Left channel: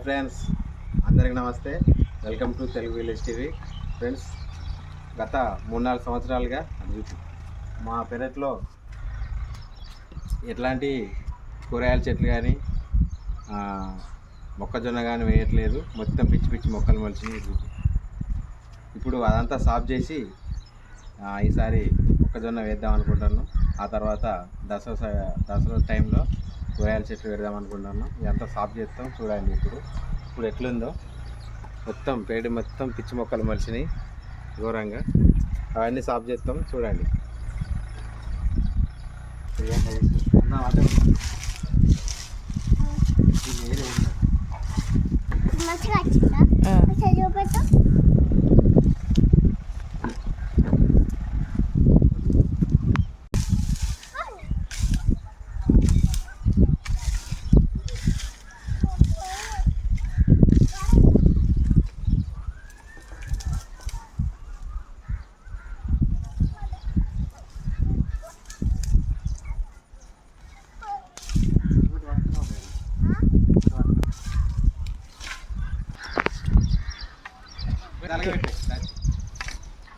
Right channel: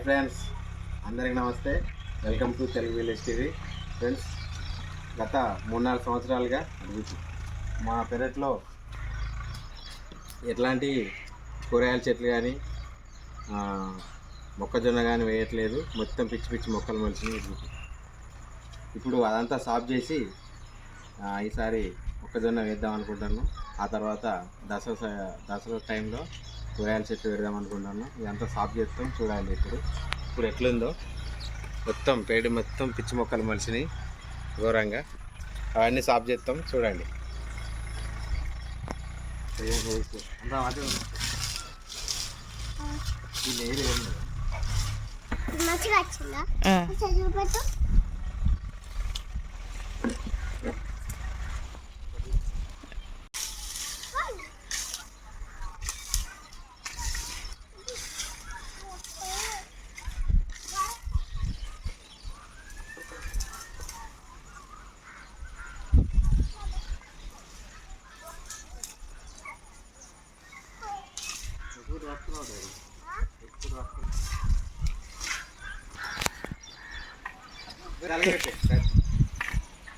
Hi friends, అందరికీ నమస్తే. Welcome to Telugu village TV. Friends, గత 3-4 సంవత్సరాలుగా మా పెరట్లో ఎట్లాంటి కూరగాయల చెట్లు కానీ మొక్కజొన్న కానీ వేయట్లేదు. మొత్తం పిచ్చి పిచ్చి మొక్కలు మొలిచినాయి. ఇప్పుడు అదంతా సాఫ్ చేసి ఈసారి మొక్కజొన్న వేద్దాం అనుకుంటున్నాను. ఆ తర్వాత దసరా టైంలో కూరగాయల చెట్లు పెడదాం అనుకుంటున్నాను. ఇదంతా సాఫ్ చేస్తాం, చూడాలి ఇప్పుడు ఎట్లుందో. మొత్తం పేడి మొత్తం పిచ్చి మొక్కలు మలిసినాయి ఘోరంగా. అవన్నీ సాఫ్ చేస్తాం, చూడండి.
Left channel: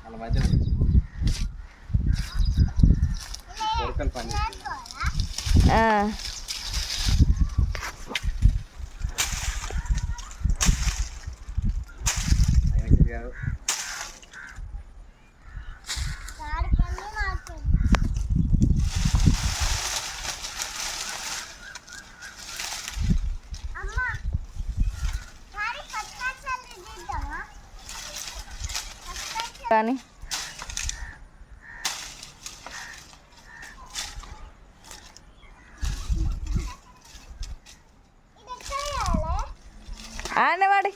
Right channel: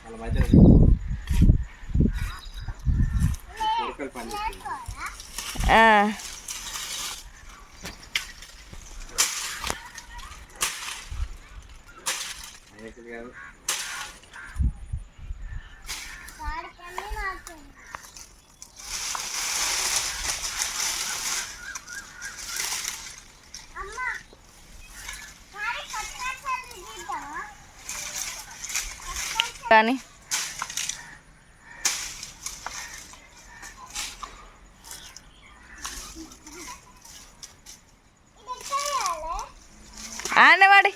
వాళ్ళ మధ్యలో కొరకలు పని గారు కానీ ఆడవాడి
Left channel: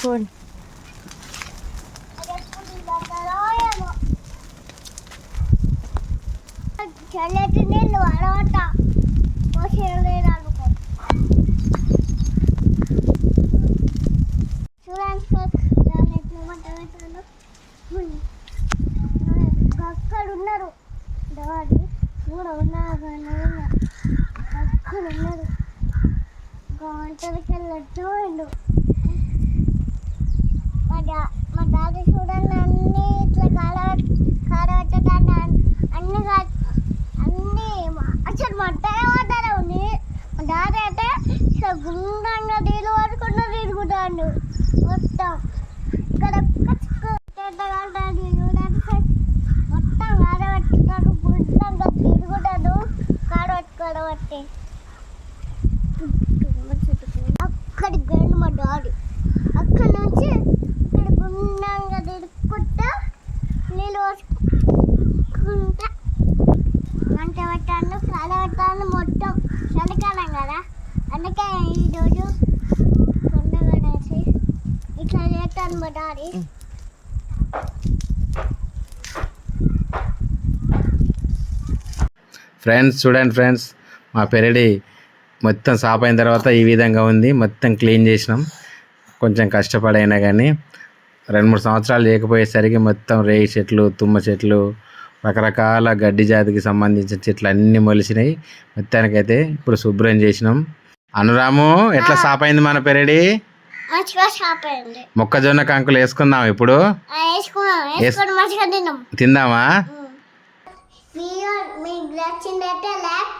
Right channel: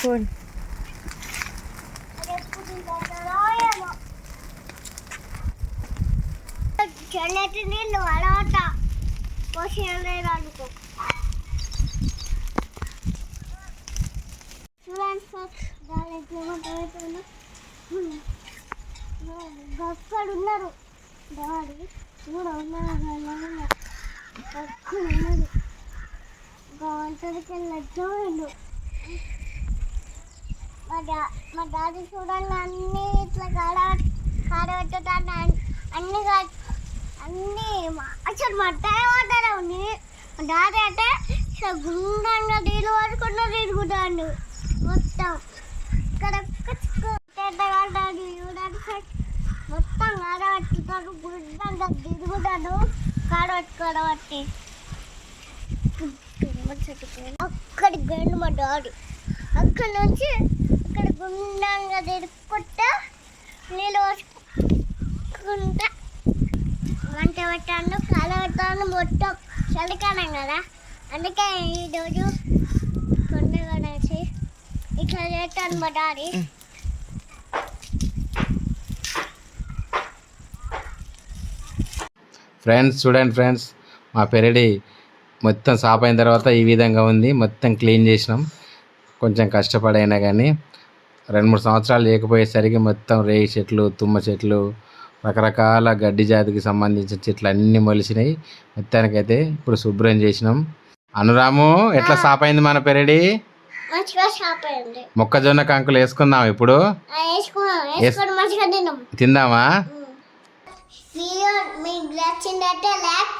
ఫోన్ చల్లటి నీళ్ళు అలవాట పోసేయాలి అనుకో. అక్కడ ఉన్నారు దవాడి కూడా ఉన్నారు అక్కడ ఉన్నారు ఒంటరికి వెళ్ళట్టు పోయిండు. మా డాడీ చూడాలి అన్నీ ఇట్లా కాడబెట్టడానికి అన్నీ అసలు మట్టాయి పడ్డారు ఉంది. మా డాడీ అంటే ఇట్లా గుండంగా నీళ్ళు పడుకుంటూ తిరుగుతాడు మొత్తం. ఇక్కడ డాడీ చూడండి మొత్తం కాడబెట్టుతాడు, గుండంగా తిరుగుతాడు కాడబెట్టుకోవడం. అక్కడికి వెళ్ళి మా డాడీ అక్కడి నుంచి ఇక్కడ గుండంగా తిరుగుకుంటా నీళ్ళు పోసుకుంటా వంట పెట్టాను, కాల పెట్టాను. మొత్తం చలికాలం కదా, అందుకే ఈరోజు పండుగ వేసి ఇట్లా చేస్తాను మా డాడీ. ఫ్రెండ్స్, చూడండి ఫ్రెండ్స్, మా పెరడి మొత్తం సాఫ్ అయిన తర్వాత ఈ విధంగా ఉంది. మొత్తం క్లీన్ చేసినాం. కొంచెం కష్టపడైనా కానీ 2-3 సంవత్సరాలు చేయకపోయేసరికి మొత్తం రేగి చెట్లు, తుమ్మ చెట్లు, రకరకాల గడ్డి జాతికి సంబంధించిన చెట్లు అన్నీ మొలిసినాయి. మొత్తానికైతే ఇప్పుడు శుభ్రం చేసినాం. అనురాము ఎట్లా సాప్ అయింది మన పెరడి? మంచిగా షాప్ అయింది. మొక్కజొన్న కంకులు వేసుకుందాం ఇప్పుడు. వేసుకొని మంచిగా తిన్నాం. తిందామా? వీడియో మీకు నచ్చిందంటే లైక్